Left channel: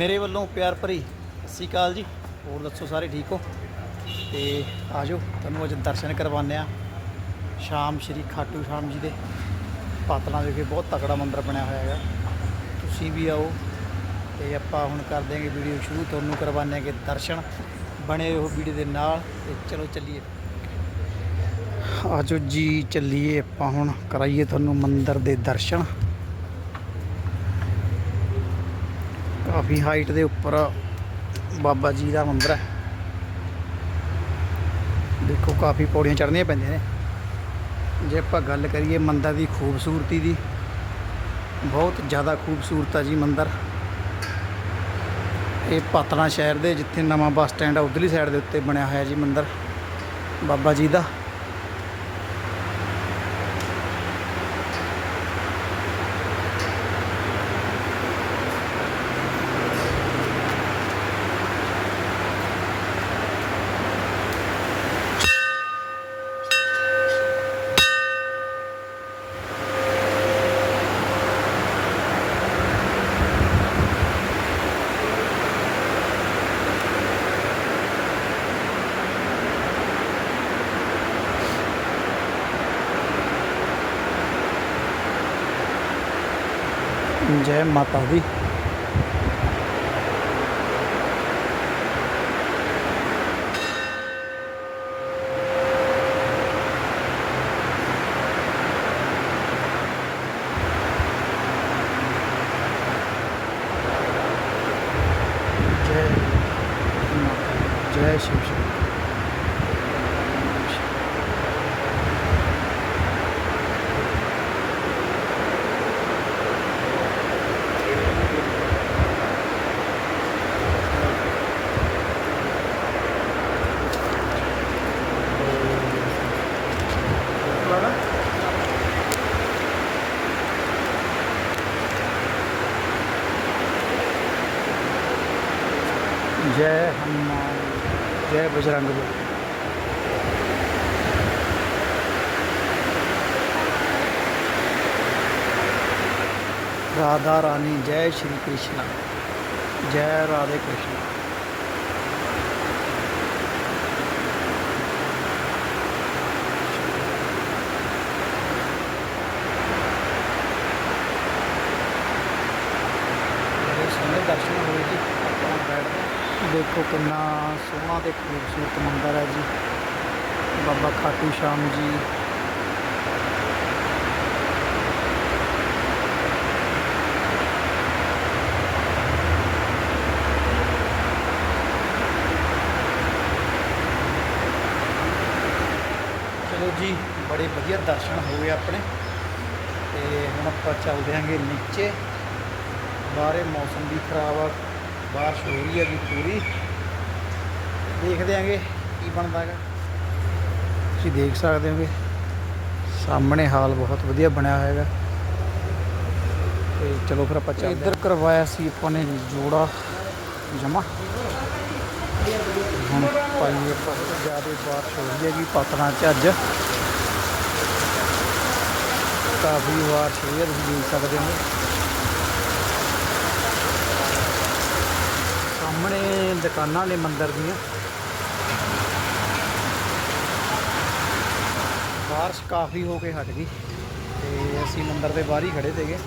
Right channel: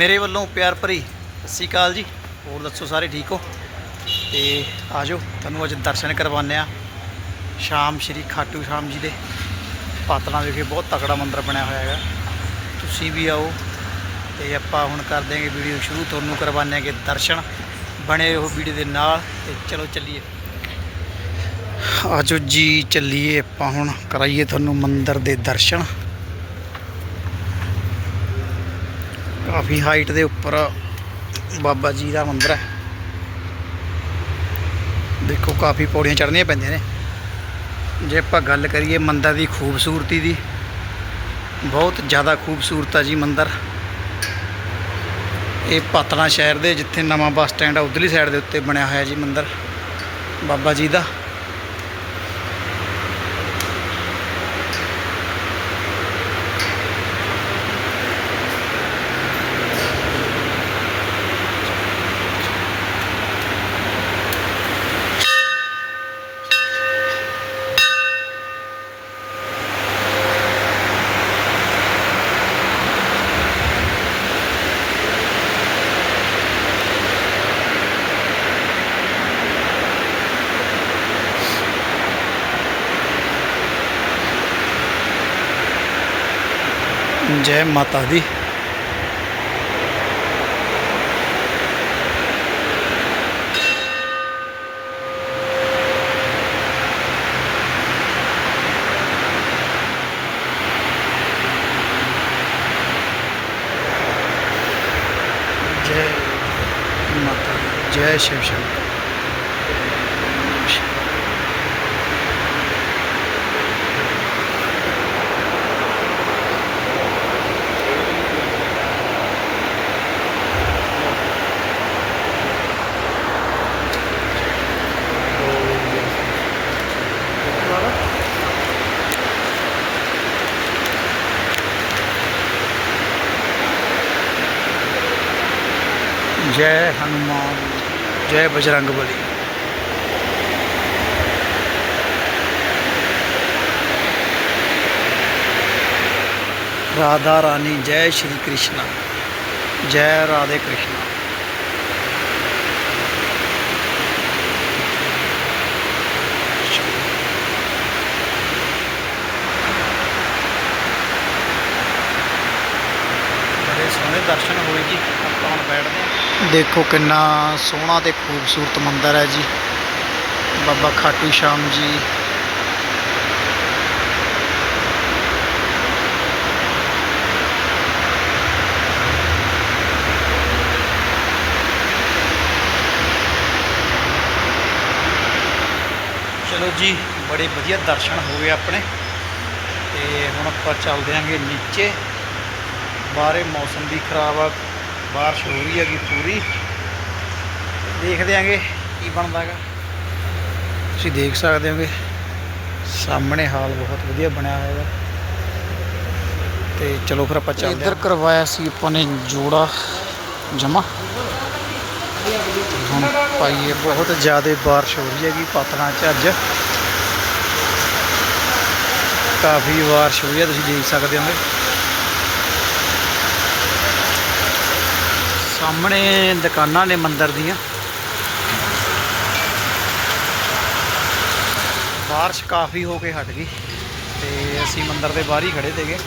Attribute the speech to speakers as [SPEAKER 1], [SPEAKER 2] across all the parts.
[SPEAKER 1] ਮੇਰੇ ਵੱਲੋਂ ਪਿਆਰ ਭਰੀ ਸਤਿ ਸ਼੍ਰੀ ਅਕਾਲ ਜੀ। ਹੋਰ ਦੱਸੋ ਸਾਰੇ ਠੀਕ ਹੋ? ਤੇ ਆਜੋ ਤੁਹਾਨੂੰ ਅੱਜ ਦਰਸ਼ਨ ਕਰਵਾਉਂਦੇ ਆ ਸ਼ਾਮ ਸ਼੍ਰੀ ਖਾਟੂ ਸ਼ਾਮ ਜੀ ਦੇ ਪਾਤਲਾਂ ਵਿਖੇ ਬਹੁਤ ਤਕੜਾ ਮੰਦਿਰ ਬਣਿਆ ਹੋਇਆ ਹੈਗਾ। ਤੁਸੀਂ ਵੀ ਆਓ ਤੇ ਆਪਾਂ ਹੁਣ ਕਰ ਦੇਂਗੇ ਵੀਡੀਓ ਸ਼ੁਰੂ। ਤੁਹਾਨੂੰ ਕਰਵਾਉਂਦੇ ਆਂਗੇ ਦਰਸ਼ਨ ਬਣੇ ਰਹੋ ਵੀਡੀਓ ਦੇ ਨਾਲ ਤੇ ਚਲੋ ਚੱਲੀਏ। ਆਜੋ ਜੀ, ਚੱਲੀਏ। ਆਪਾਂ ਹੁਣ ਕਰਾਈਏ ਤੁਹਾਨੂੰ ਮੰਦਿਰ ਦੇ ਦਰਸ਼ਨ। ਕਾਫੀ ਹਾਈਟ ਦੇ ਉੱਪਰ ਬਾਬਾ ਜੀ ਦਾ ਮੰਦਿਰ ਹੈ। ਦੇਖੋ, ਕਾਫੀ ਪੌੜੀਆਂ ਚੜ੍ਹਨੀਆਂ ਪੈਂਦੀਆਂ ਨੇ। ਜੇ ਆਪਾਂ ਗੱਲ ਕਰੀਏ ਮੰਦਿਰ ਦੀ ਖੂਬਸੂਰਤੀ ਦੀ, ਬਹੁਤ ਜ਼ਿਆਦਾ ਖੂਬਸੂਰਤ ਆ ਜੀ ਮੰਦਿਰ। ਇਹ ਪਾਤਲਾ ਸ਼ਹਿਰ ਦੇ ਜਿੱਥੇ ਨਵਾਂ ਬੱਸ ਸਟੈਂਡ ਆ, ਉਧਰਲੀ ਸਾਈਡ ਦੇ ਉੱਤੇ ਬਣਿਆ ਹੋਇਆ ਜੀ ਮੰਦਿਰ, ਬਾਬਾ ਜੀ ਦਾ। ਜੈ ਮਾਤਾ ਦੀ। ਜੈ ਮਾਤਾ ਦੀ, ਜੈ ਸ਼ਿਵ ਜੈ ਹਨੂਮਾਨ, ਜੈ ਬਜਰੰਗ ਬਲੀ। ਰਾਧਾ ਰਾਣੀ, ਜੈ ਸ਼੍ਰੀ ਕ੍ਰਿਸ਼ਨ। ਜੈ ਰਾਧੇ ਕ੍ਰਿਸ਼ਨ। ਬੜੇ ਸੋਹਣੇ ਦਰਸ਼ਨ ਹੋਏ ਜੀ। ਬੈਠਦੇ ਹਾਂ ਦੇਖੋ ਕਿੰਨਾ ਸੋਹਣਾ ਤੇ ਖੂਬਸੂਰਤ ਮੰਦਿਰ ਹੈ ਜੀ। ਬਾਬਾ ਖਾਟੂ ਸ਼ਾਮ ਜੀ। ਚਲੋ ਜੀ, ਬੜੇ ਵਧੀਆ ਦਰਸ਼ਨ ਹੋ ਗਏ ਆਪਣੇ। ਤੇ ਹੁਣ ਆਪਾਂ ਚੱਲਦੇ ਆਂਗੇ ਨੀਚੇ। ਬਾਹਰੇ ਮੌਸਮ ਵੀ ਖਰਾਬ ਆ। ਬਾਰਿਸ਼ ਹੋ ਰਹੀ ਹੈਗੀ ਪੂਰੀ। ਦੇਖਦੇ ਆਂਗੇ ਕੀ ਬਣਦਾ ਹੈਗਾ। ਤੁਸੀਂ ਦੇਖ ਸਕਦੇ ਹੋਗੇ ਸਾਹਮਣੇ ਹਾਲ ਬਹੁਤ ਵਧੀਆ ਬਣਿਆ ਹੋਇਆ ਹੈਗਾ। ਤੇ ਚਲੋ ਫਿਰ ਆਪਾਂ ਚੱਲਦੇ ਇੱਧਰ ਕਰਵਾਇਆ ਸੀ ਆਪਾਂ ਨੇ ਜੋੜਾ ਜਮਾ। ਹੁਣ ਪਾਈਏ ਬਹੁਤ ਜ਼ਿਆਦਾ ਬਾਰਿਸ਼ ਹੋ ਰਹੀ ਹੈਗੀ ਪਤਨਾ ਚ ਅੱਜ। ਕਾਫੀ ਬਾਰਿਸ਼ ਹੋਈ ਹੈ ਤੁਸੀਂ ਦੇਖ ਸਕਦੇ ਹੋਗੇ। ਸਾਹਮਣੇ ਦੁਕਾਨਾਂ ਨੇ ਮੰਦਿਰ ਦੀਆਂ। ਬਾਰਿਸ਼ ਕਾਫੀ ਹੋ ਕੇ ਹਟ ਗਈ ਤੇ ਅਸੀਂ ਮੰਦਿਰ ਦੇ ਬਾਹਰ ਹੀ ਖੜੇ ਤੇਗੇ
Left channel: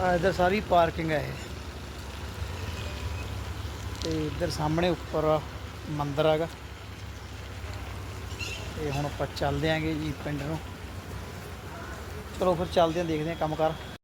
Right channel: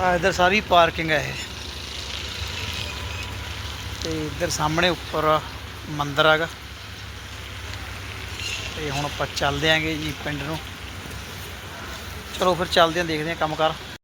[SPEAKER 1] ਆ ਇਧਰ ਸਾਰੀ ਪਾਰਕਿੰਗ ਹੈ ਇਹ। ਤੇ ਇਧਰ ਸਾਹਮਣੇ ਉੱਪਰ ਮੰਦਿਰ ਹੈਗਾ। ਤੇ ਹੁਣ ਆਪਾਂ ਚੱਲਦੇ ਆਂਗੇ ਜੀ ਪਿੰਡ ਨੂੰ। ਚਲੋ ਫਿਰ ਚੱਲਦੇ ਆਂ, ਦੇਖਦੇ ਆਂ ਕੰਮ ਕਰ